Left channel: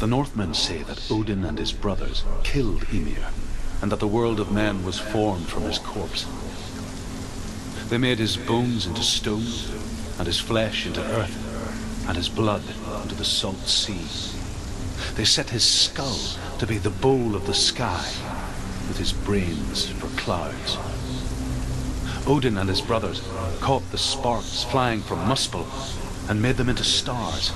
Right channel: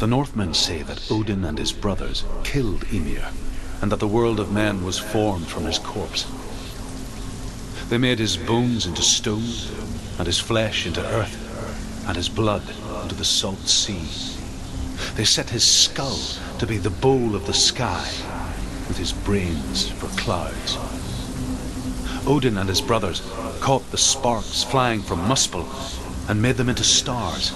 The Northmen say that Odin and his brothers killed Ymir, and that the world of men was formed from his corpse. They made his bones into stone, and his flesh into earth, and his blood into the salt sea. They set his skull to be the bowl of the sky, with his brains for clouds. Odin and his brothers caught the sparks flying from Muspel and made them into stars.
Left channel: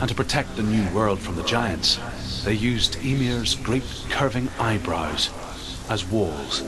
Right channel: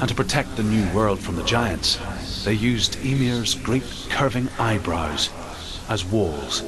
And to protect the new world from the giants, they used Ymir's great curving eyebrows as walls.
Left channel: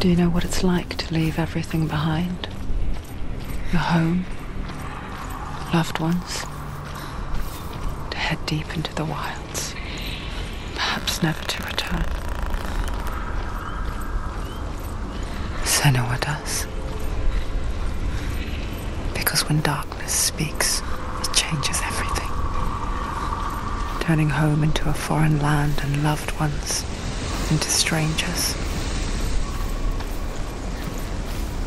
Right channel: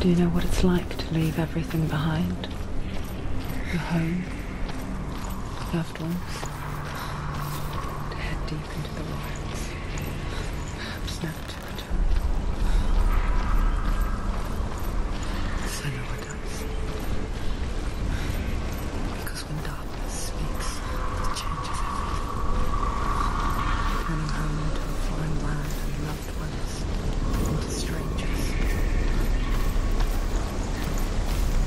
Do you know what it's like to leave everything behind? Your home, loved ones, to head deep into the wilds, perhaps never to return. Senua does. Because when darkness speaks, it changes everything. Turning home into a foreign land and loved ones into strangers.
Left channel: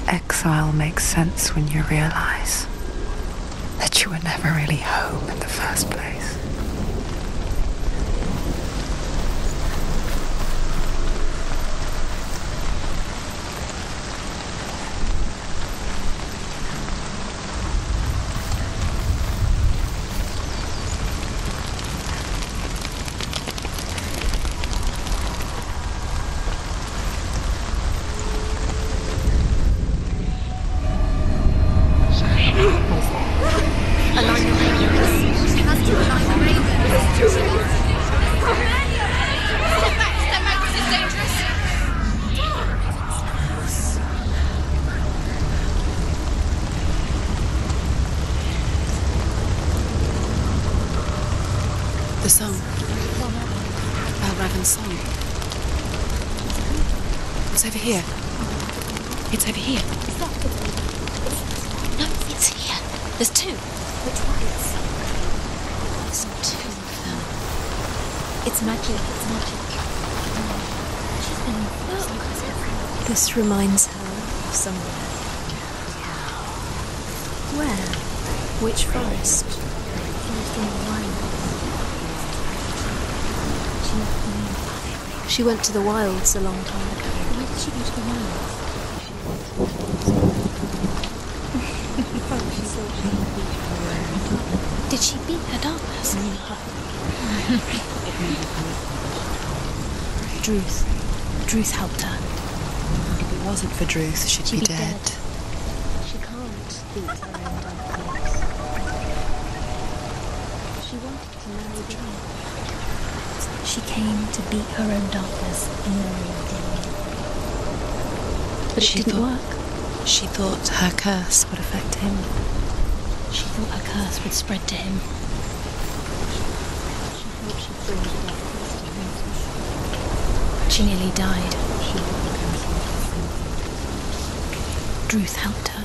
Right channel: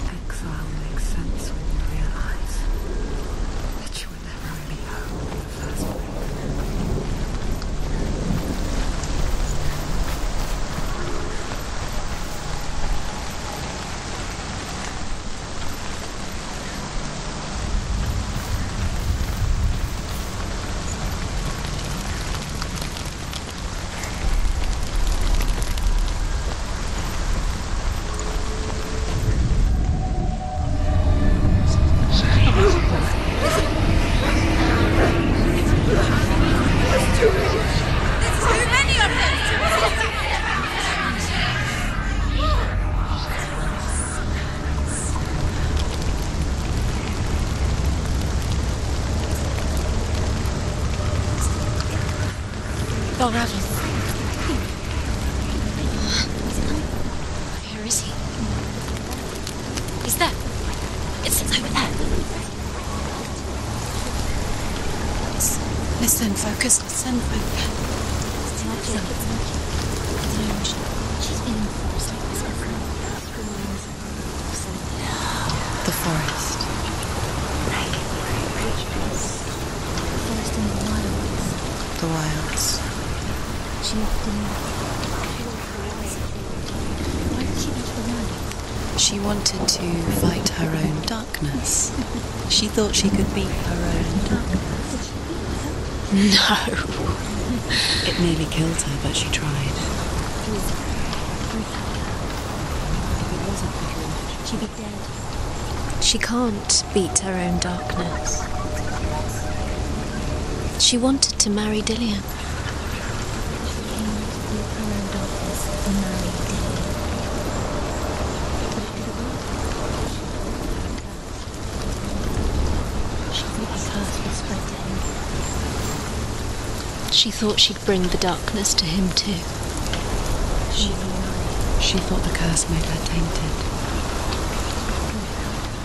Exile makes sense when you realize that you were never really home in the first place. This reminds her of somewhere. The forest. Where? Which forest? The forest in the wilds. The wilds. She left the moon. She went to the wilds a long time. Why did she go to the wilds? She wanted to fight her own darkness. She thought she could beat her own darkness. Did she beat her darkness? No. It nearly killed her, but she tried. Druth helped her. If it wasn't for Druth, she'd be dead. She can't beat her own darkness. She wanted to marry Dillian. She came to beat her own darkness and marry Dillian. But it didn't work. She thought her curse would affect him. She thought her curse would spread to him. She thought she'd bring the darkness to him too. She nearly died. She thought the curse made her tainted. Druth helped her.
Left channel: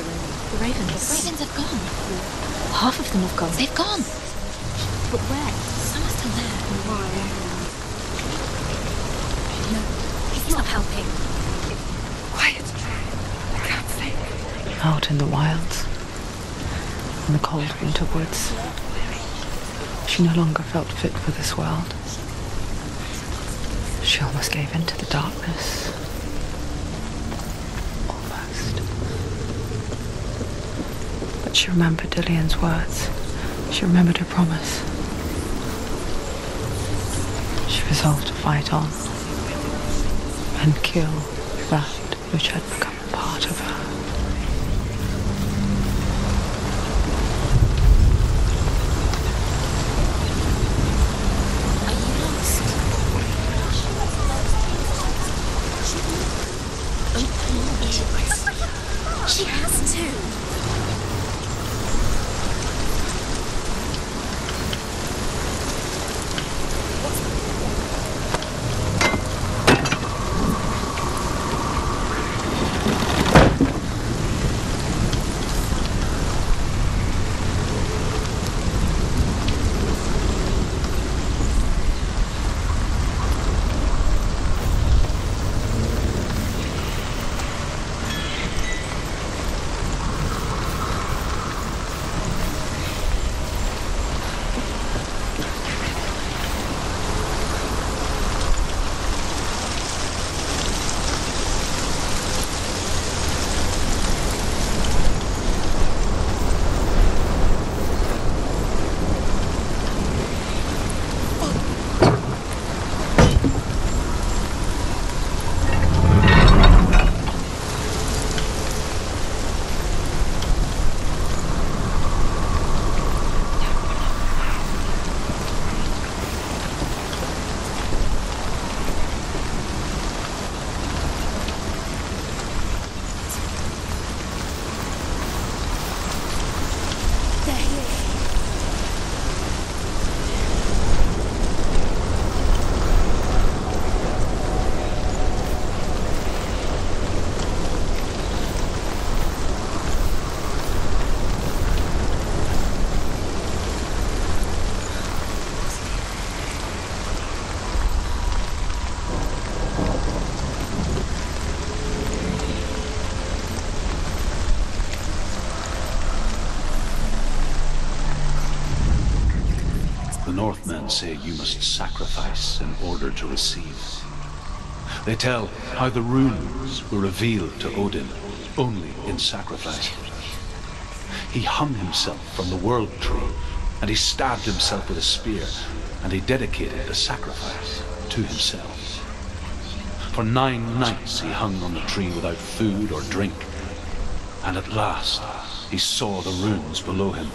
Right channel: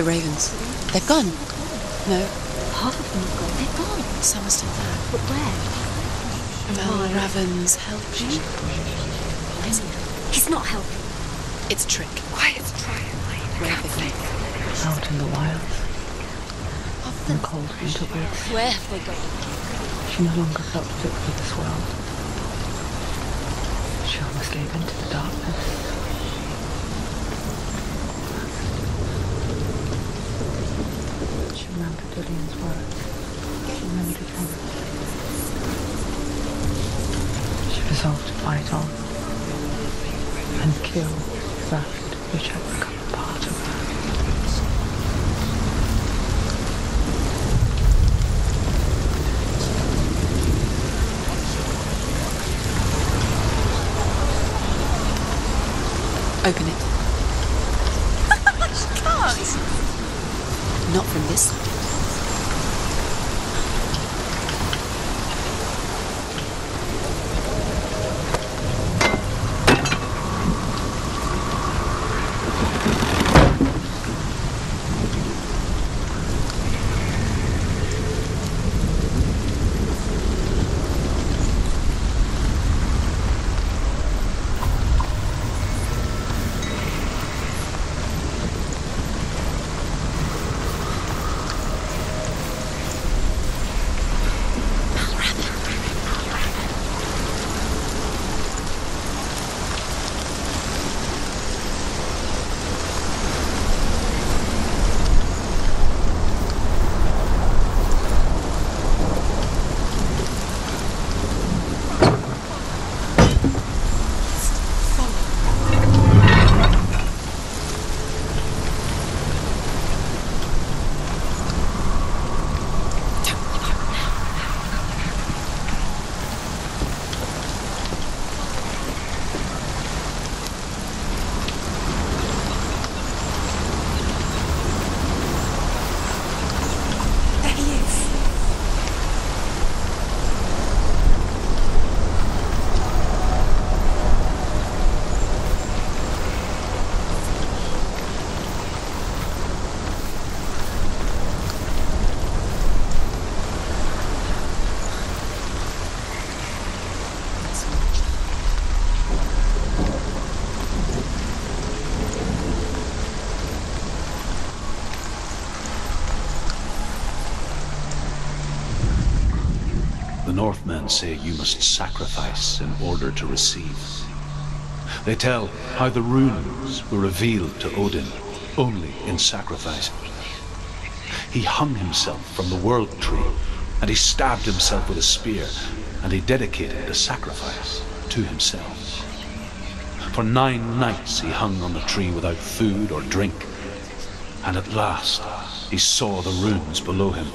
The ravens. The ravens. They've gone. They've gone. No. Half of them have gone. They've gone. Some are still there. But where? Some are still there. Well, Raven's helping. He's not helping. It's a trick. Quiet. I can't think. Out in the wilds. In the cold winter woods. Where? She no longer felt fit for this world. She almost gave in to the darkness. But she remembered Dillian's words. She remembered her promise. She resolved to fight on and kill that which had become part of her. Open it. She has to. Not from this side. The Northmen say you must sacrifice in order to receive. They tell how the runes were revealed to Odin only in sacrifice. He hung himself from the world tree, and he stabbed himself with a spear, and he dedicated the sacrifice to himself. For 9 nights he hung on the tree without food or drink, and at last he saw the runes below him.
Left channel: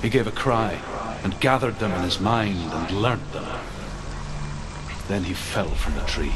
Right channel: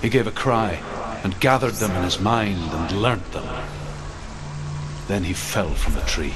He gave a cry, and gathered them in his mind and learnt them. Then he fell from the tree.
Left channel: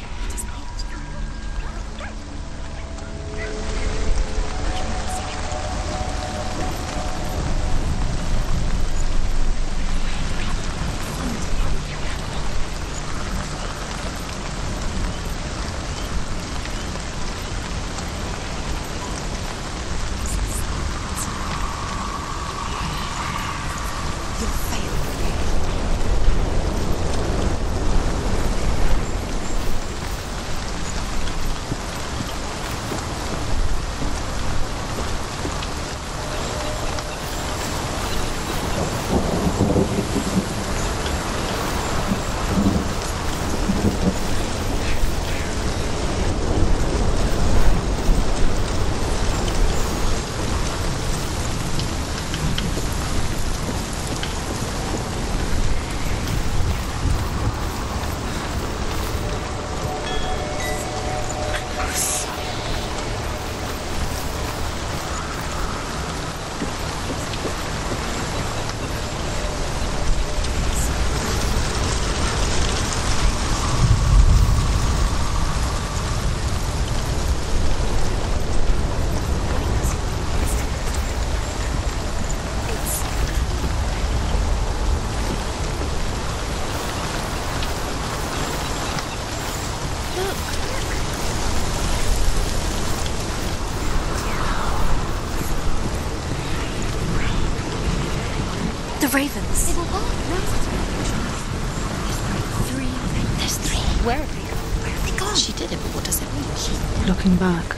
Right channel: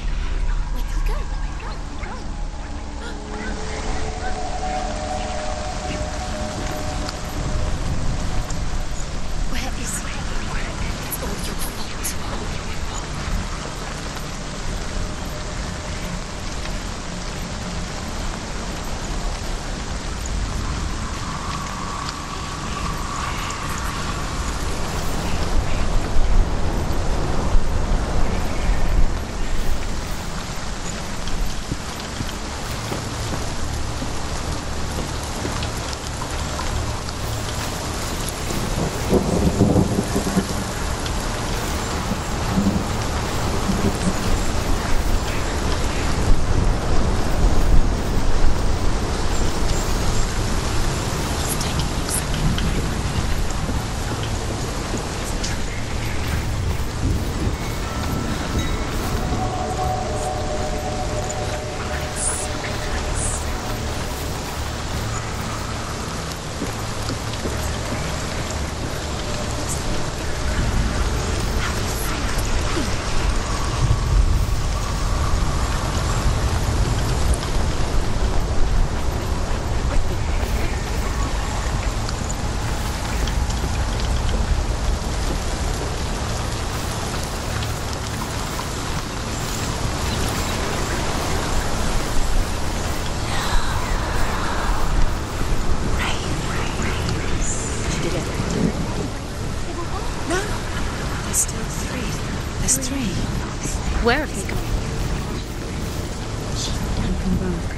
looking back,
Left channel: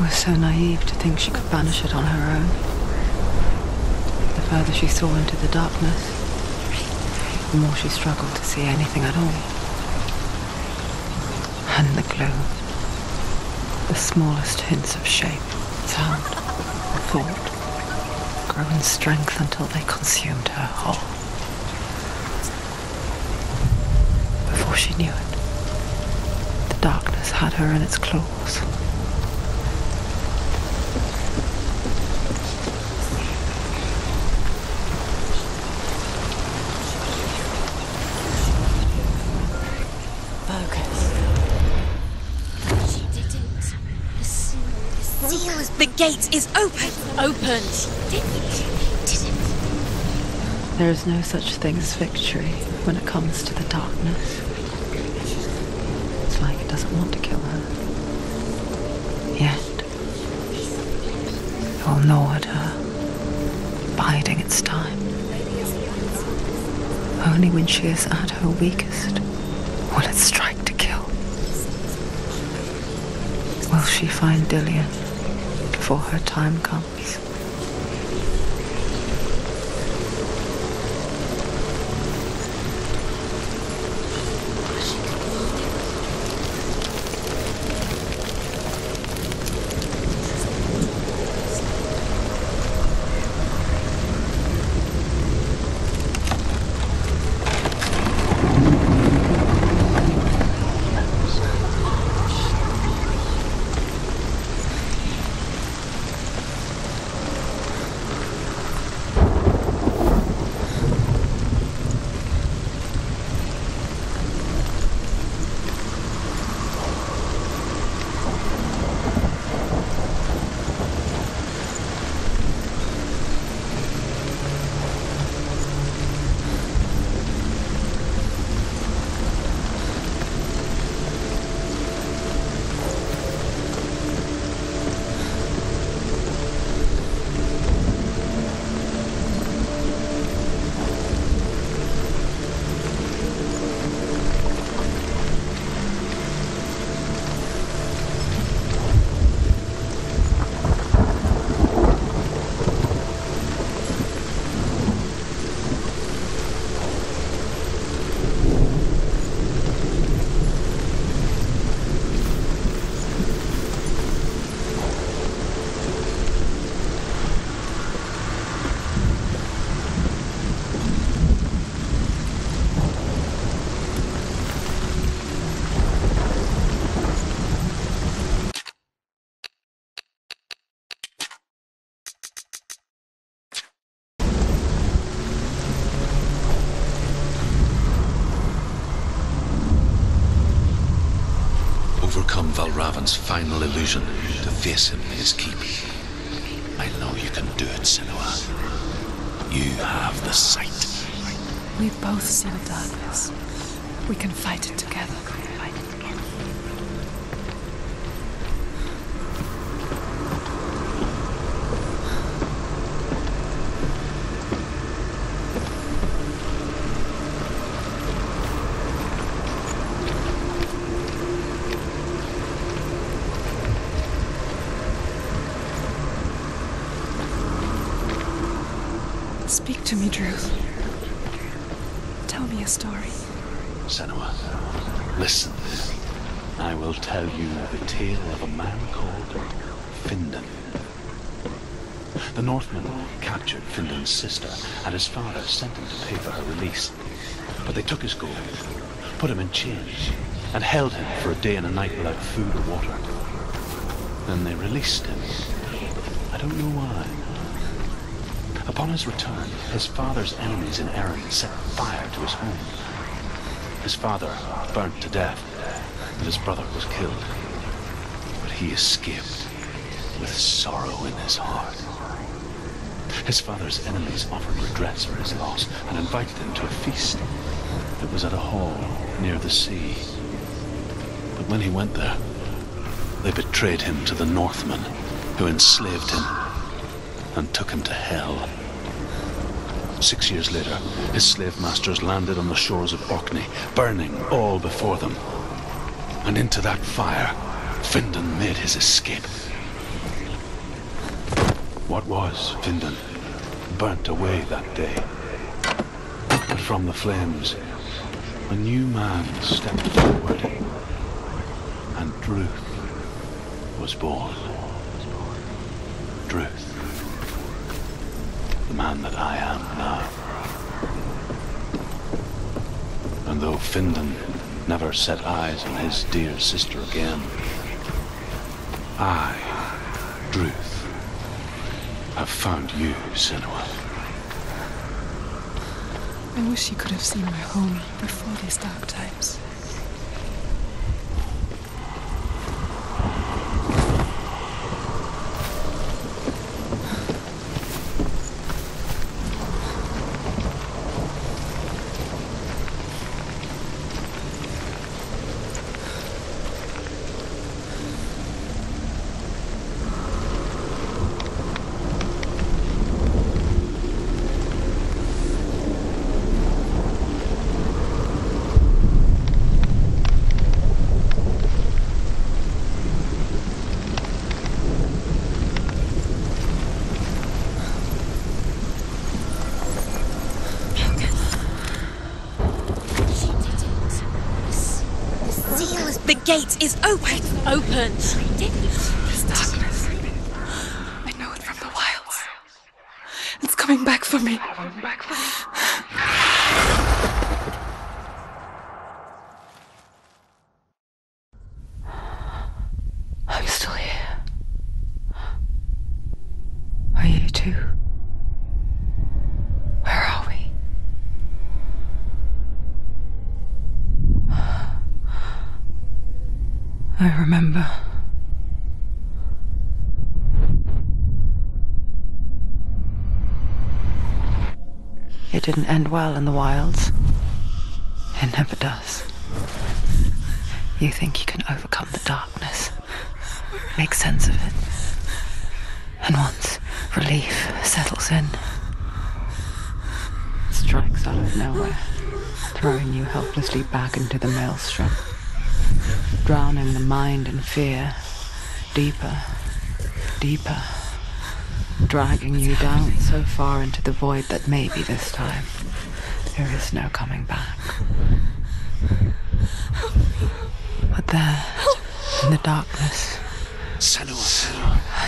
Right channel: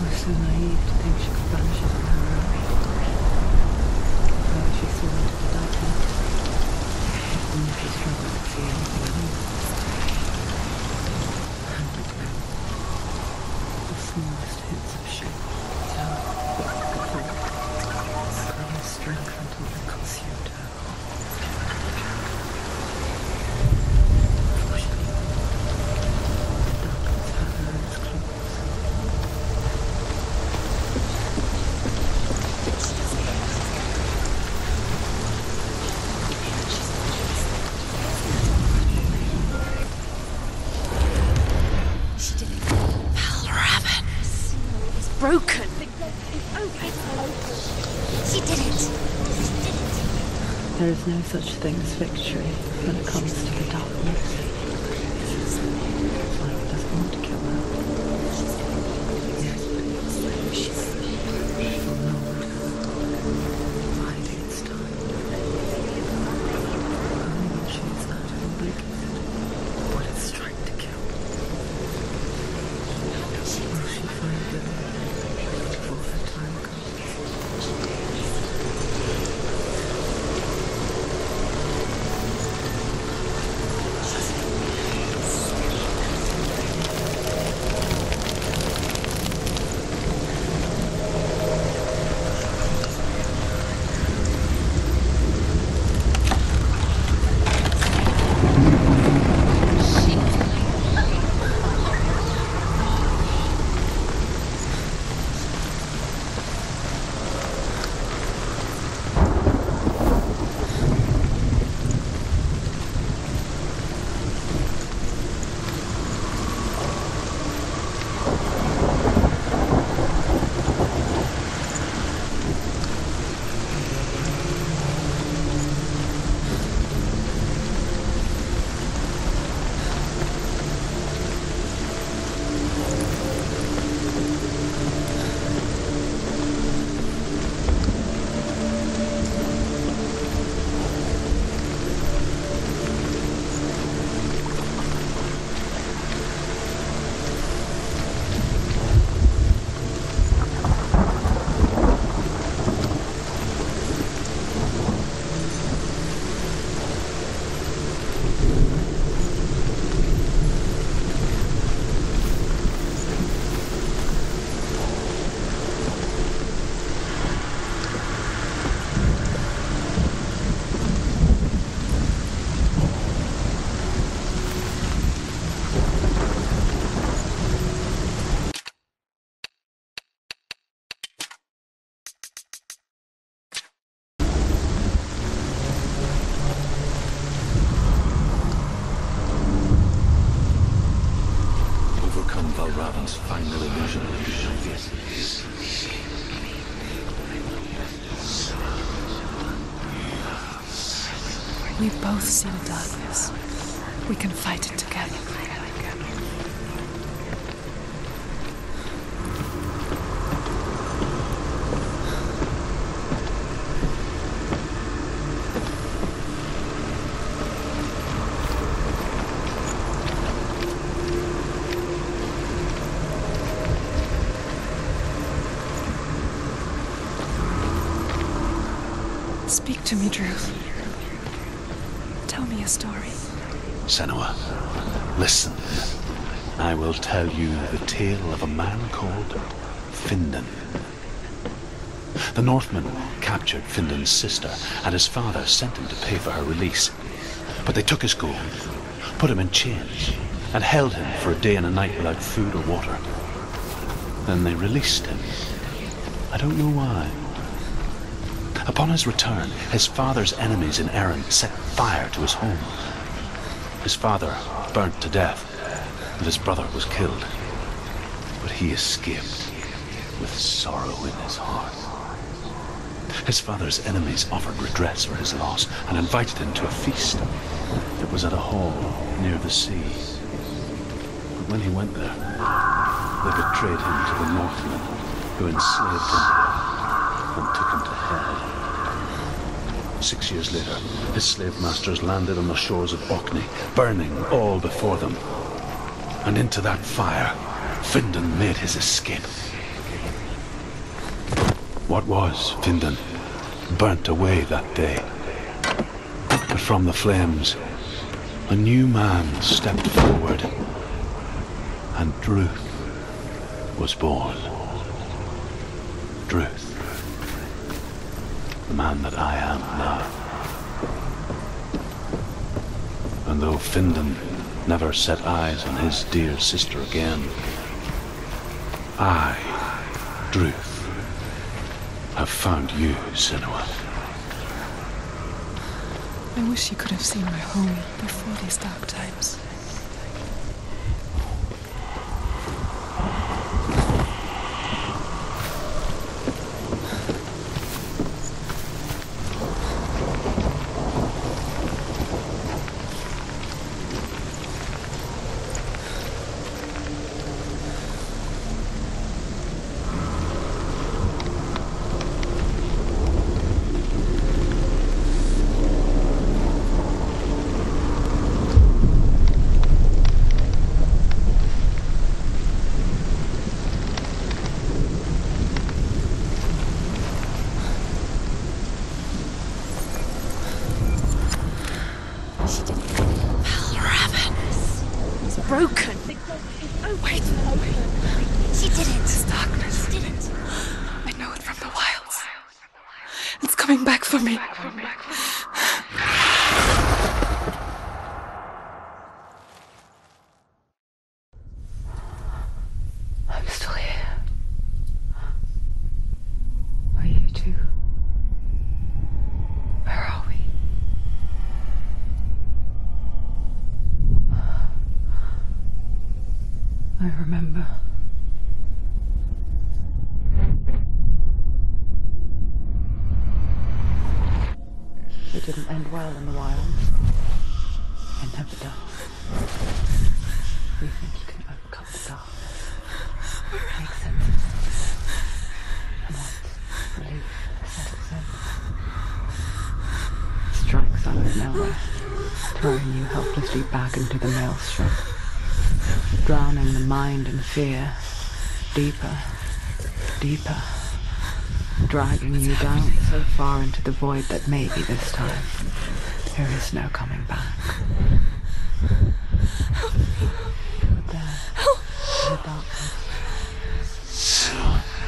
I was so naive to think she could banish it on her own. The further she saw into the darkness, the more she struggled to see anything at all. And in the gloom, the smallest hints of shape, sound, thought, grew in strength until they consumed her whole. Before she knew it, the darkness had her in its claws. Broken. The gate is open. Opened. There is no such thing as victory when it comes to the darkness. It's like it doesn't want to kill her. Yet, it will gnaw at her, biding its time. Only when she is at her weakest will it strike to kill. Will she find Dillion before her time comes? Overcome Valravan's final illusion to face him in his keep. I know you can do it, Senua. You have the sight. We both see the darkness. We can fight it together. Speak to me, Druth. Tell me a story. Senua, listen. I will tell you the tale of a man called Findan. The Northmen captured Findan's sister, and his father sent him to pay for her release. But they took his gold, put him in chains, and held him for a day and a night without food or water. Then they released him. I don't know why. Upon his return, his father's enemies in Erin set fire to his home. His father burnt to death, and his brother was killed. But he escaped with sorrow in his heart. His father's enemies offered redress for his loss and invited him to a feast. It was at a hall near the sea. But when he went there, they betrayed him to the Northmen, who enslaved him and took him to hell. 6 years later, his slave masters landed on the shores of Orkney, burning all before them. And into that fire Findan made his escape. What was Findan burnt away that day. But from the flames, a new man stepped forward, and Druth was born. Druth, the man that I am now. And though Findan never set eyes on his dear sister again, I, Druth, have found you, Senua. I wish you could have seen my home before these dark times. The gate is open. Open. This darkness. I know it from the wilds. It's coming back for me. I'm still here. Are you too? Where are we? I remember. It didn't end well in the wilds. It never does. You think you can overcome the darkness, make sense of it, and once relief settles in, it strikes out of nowhere, throwing you helplessly back into the maelstrom, drowning the mind in fear, deeper, deeper, dragging you down so far into the void that maybe this time there is no coming back. But there, in the darkness, Senua,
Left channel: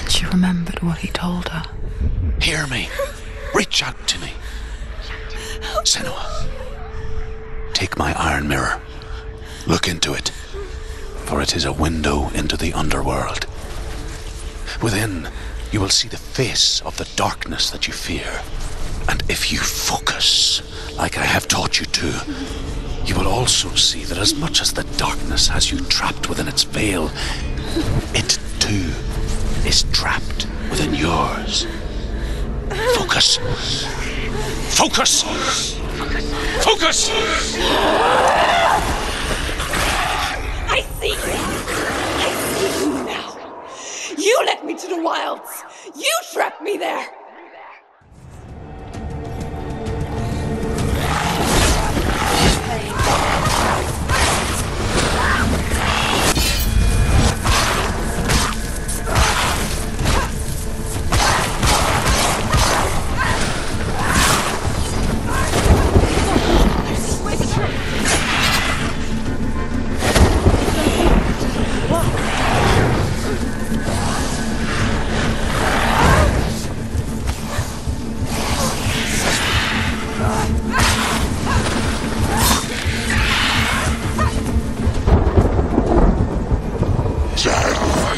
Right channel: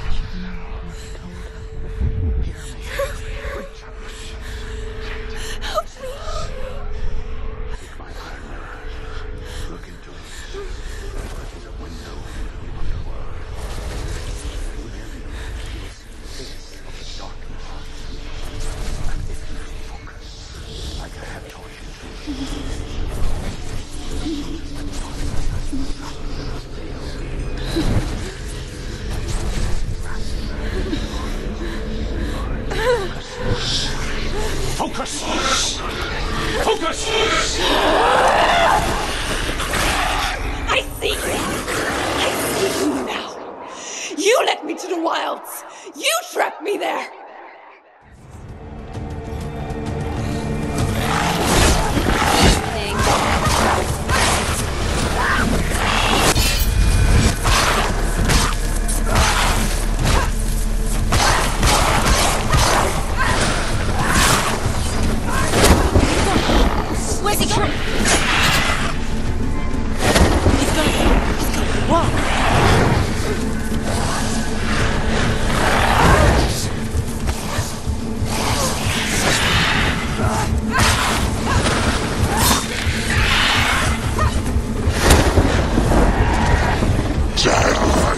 and she remembered what he told her. hear me. Reach out to me. Senua, take my iron mirror. Look into it, for it is a window into the underworld. Within, you will see the face of the darkness that you fear. And if you focus, like I have taught you to, you will also see that as much as the darkness has you trapped within its veil, it too is trapped within yours. Focus. Focus! Focus! I see you! I see you now! You led me to the wilds! You trapped me there! Where's he going?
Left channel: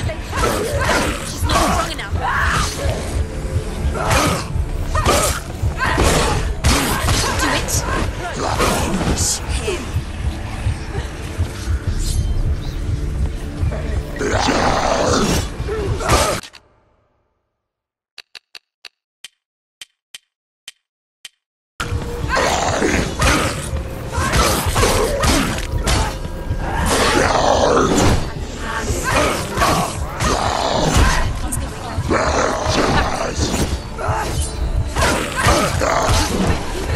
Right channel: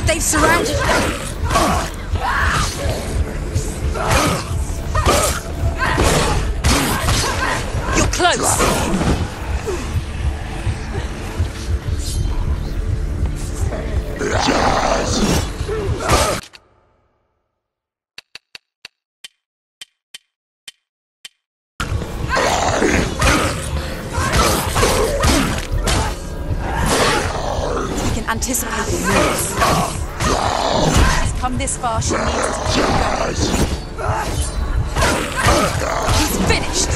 They've surrounded me. You're close. Anticipate. Come this far. He's finished.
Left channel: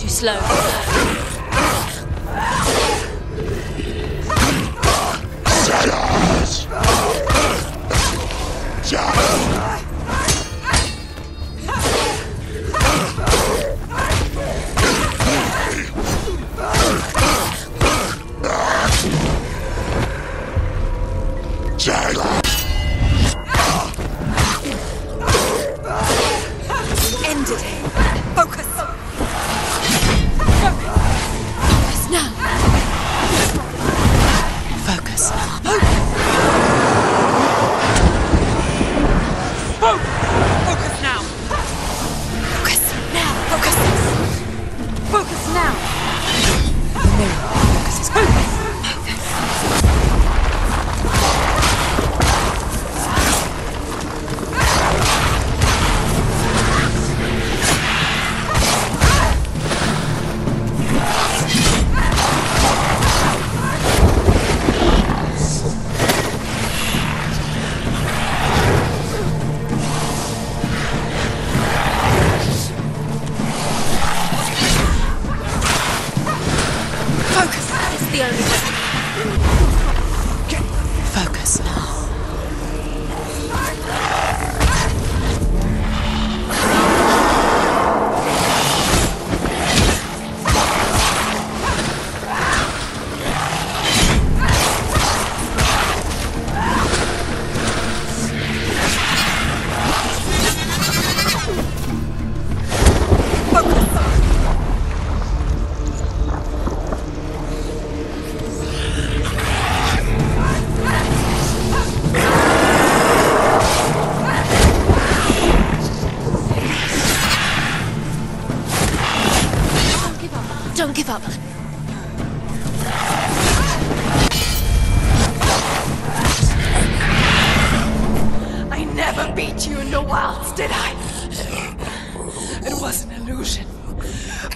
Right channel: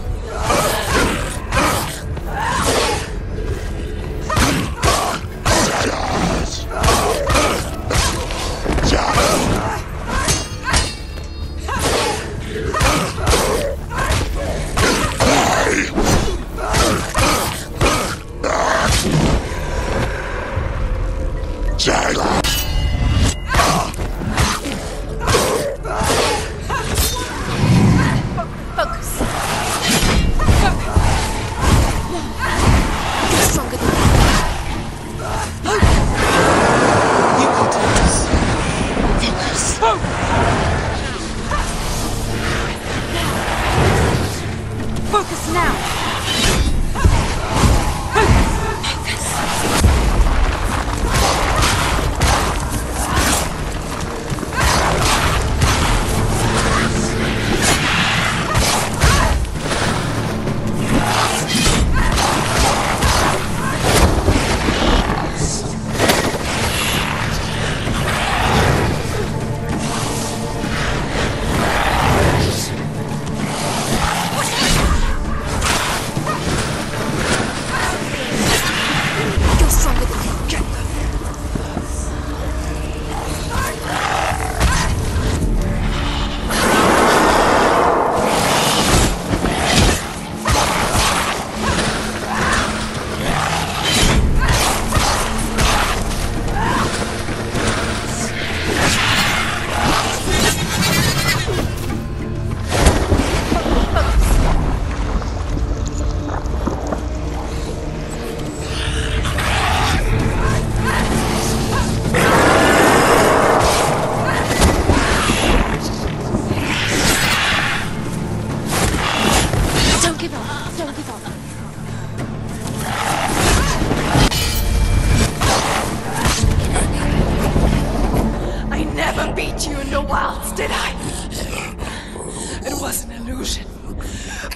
Too slow.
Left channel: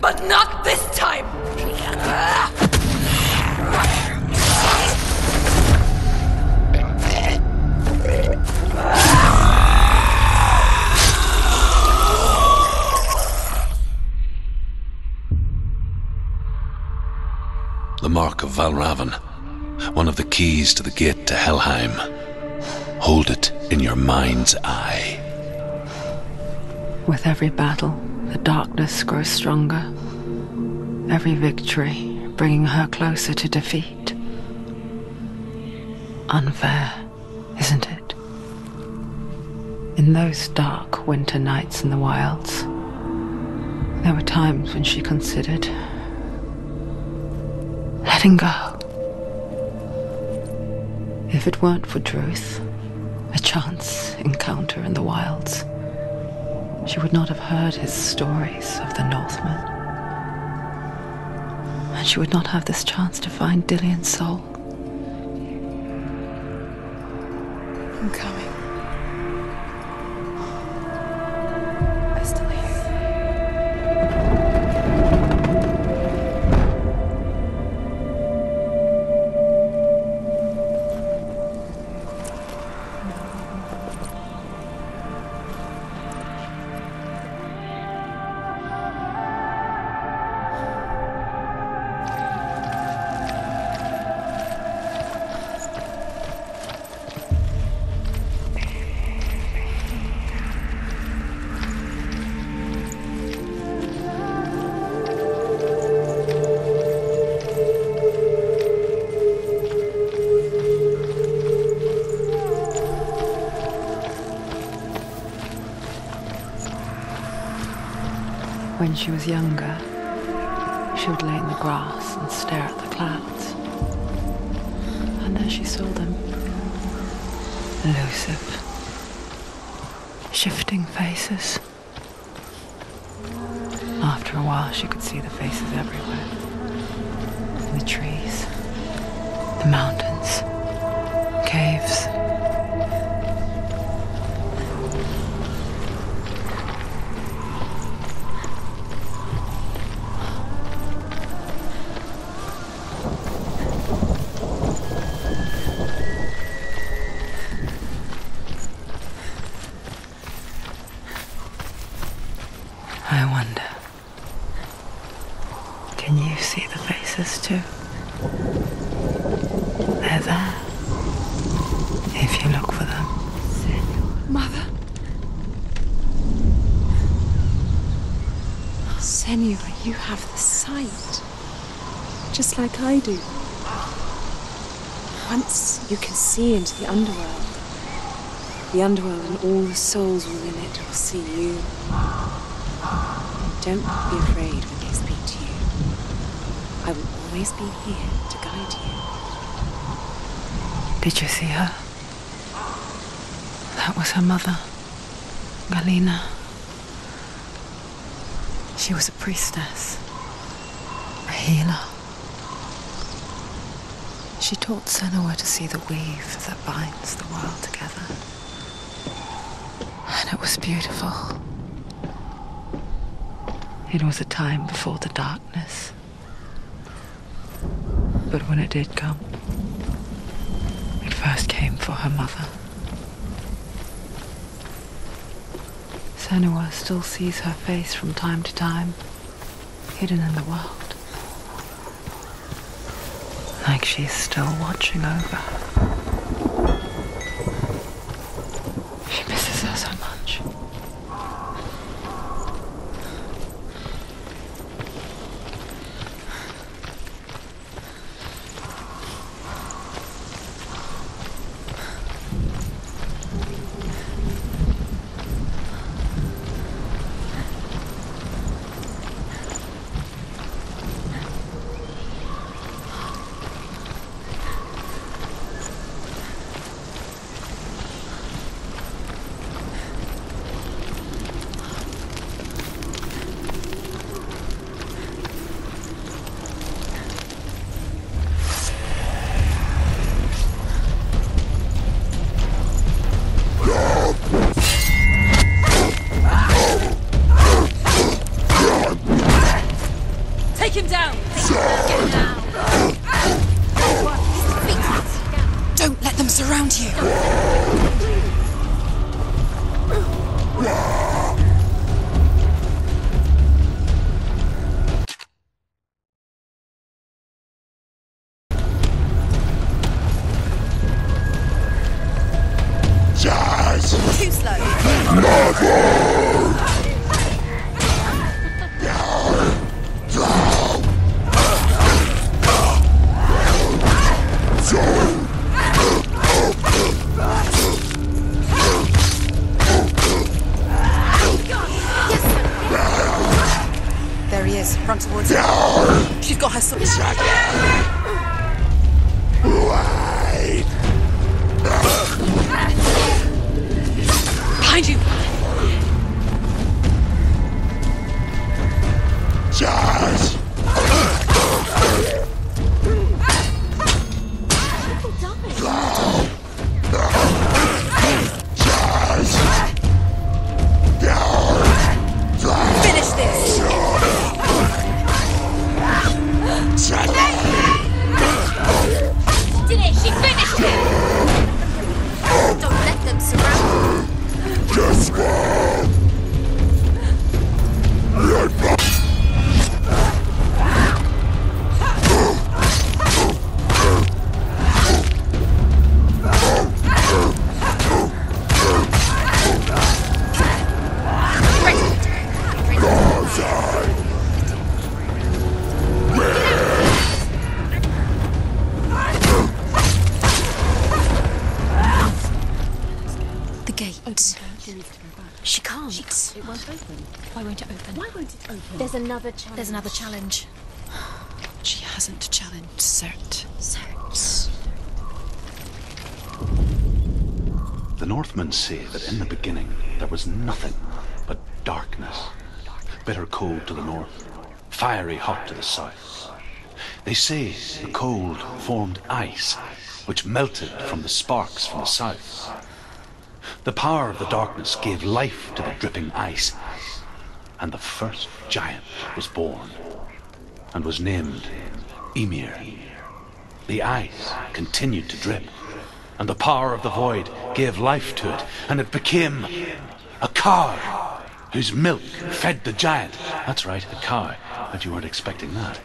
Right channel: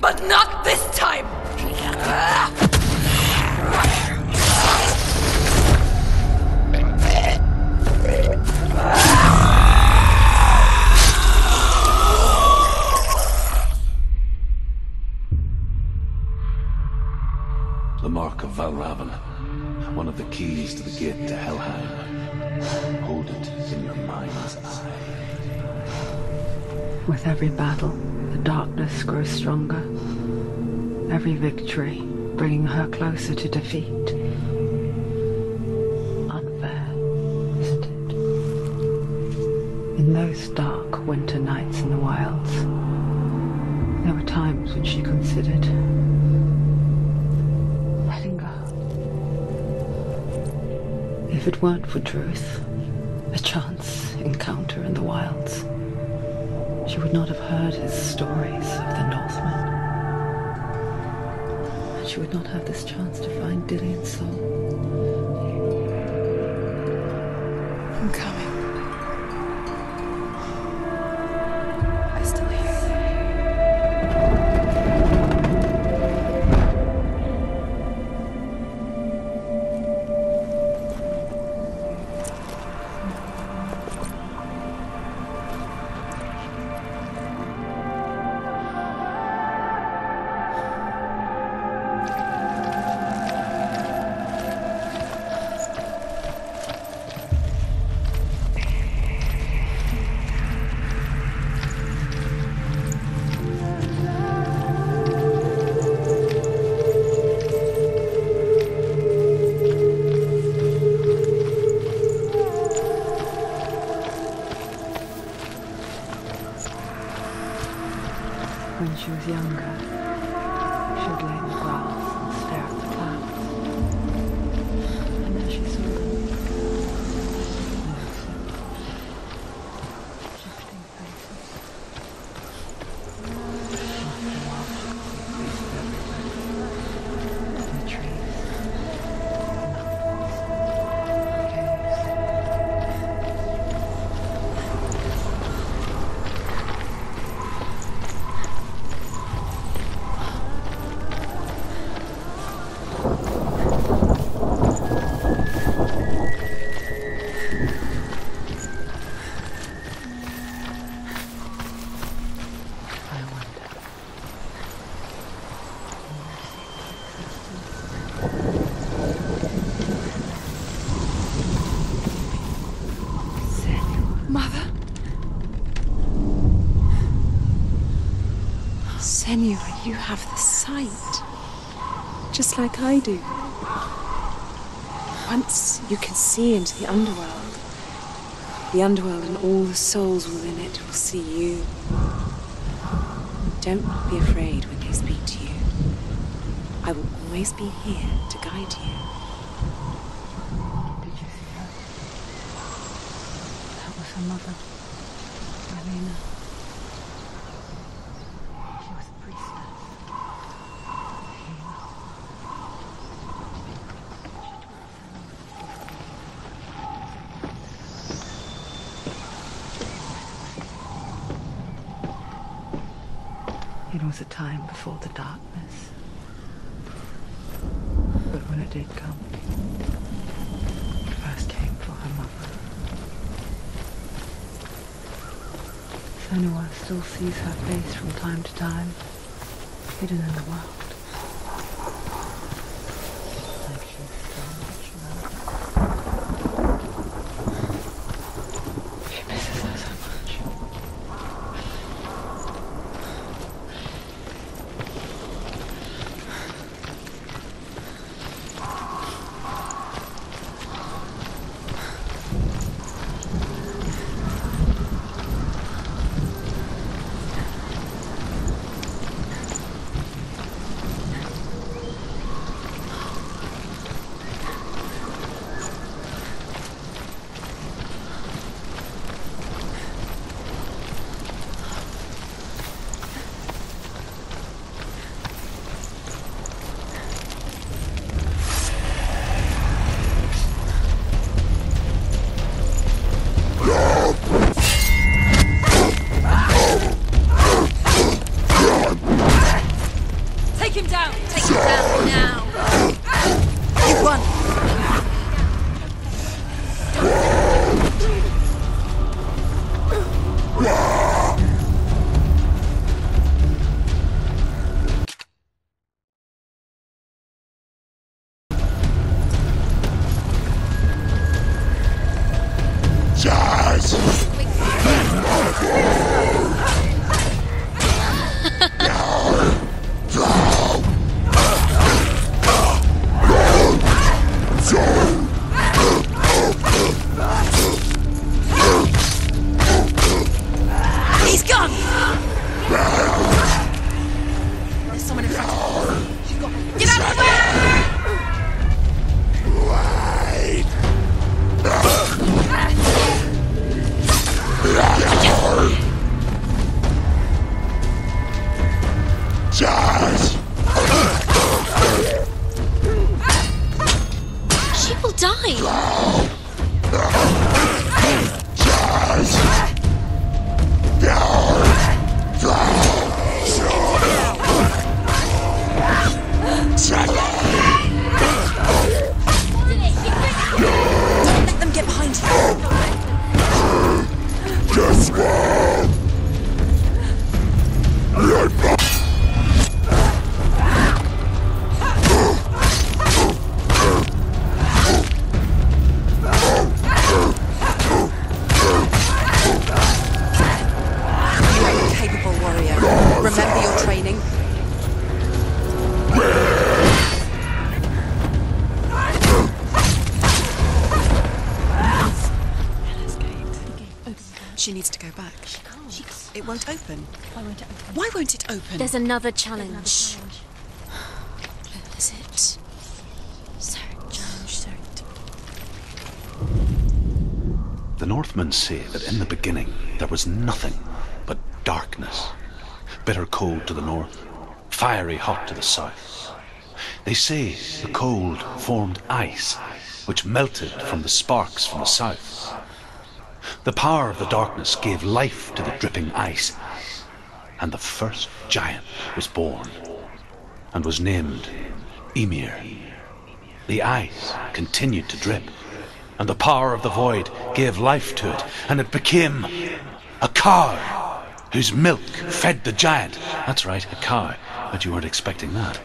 But not this time! The Mark of Valravan, one of the keys to the gate to Helheim. Hold it in your mind's eye. With every battle, the darkness grows stronger. Every victory bringing her closer to defeat. Unfair, isn't it? In those dark winter nights in the wilds, there were times when she considered letting go. If it weren't for Druth, a chance encounter in the wilds, she would not have heard his stories of the Northmen. And she would not have this chance to find Dillion's soul. I'm coming. I still hear you. When she was younger, she would lay in the grass and stare at the clouds. And there she saw them. Elusive, shifting faces. After a while, she could see the faces everywhere. In the trees, the mountains, caves. I wonder, can you see the faces too? They're there, if you look for them. Senua. Mother? Senua, you have the sight. Just like I do. Once you can see into the underworld and all the souls within it will see you. Don't be afraid when they speak to you. I will always be here to guide you. Did you see her? That was her mother, Galina. She was a priestess, a healer. She taught Senua to see the weave that binds the world together. And it was beautiful. It was a time before the darkness. But when it did come, it first came for her mother. Senua still sees her face from time to time, hidden in the world. Like she's still watching over her. She misses her so much. Take him down! Take him down! Everyone! Don't let them surround you! She's got her sword. She will die. She needs to go back. She can't. It won't open. Why won't it open? Why won't it open? There's another challenge. She hasn't challenged Cert. The Northmen say that in the beginning there was nothing but darkness. Bitter cold to the north, fiery hot to the south. They say the cold formed ice, which melted from the sparks from the south. The power of the darkness gave life to the dripping ice, and the first giant was born, and was named Ymir. The ice continued to drip, and the power of the void gave life to it, and it became a cow, whose milk fed the giant. That's right, a cow. But you weren't expecting that.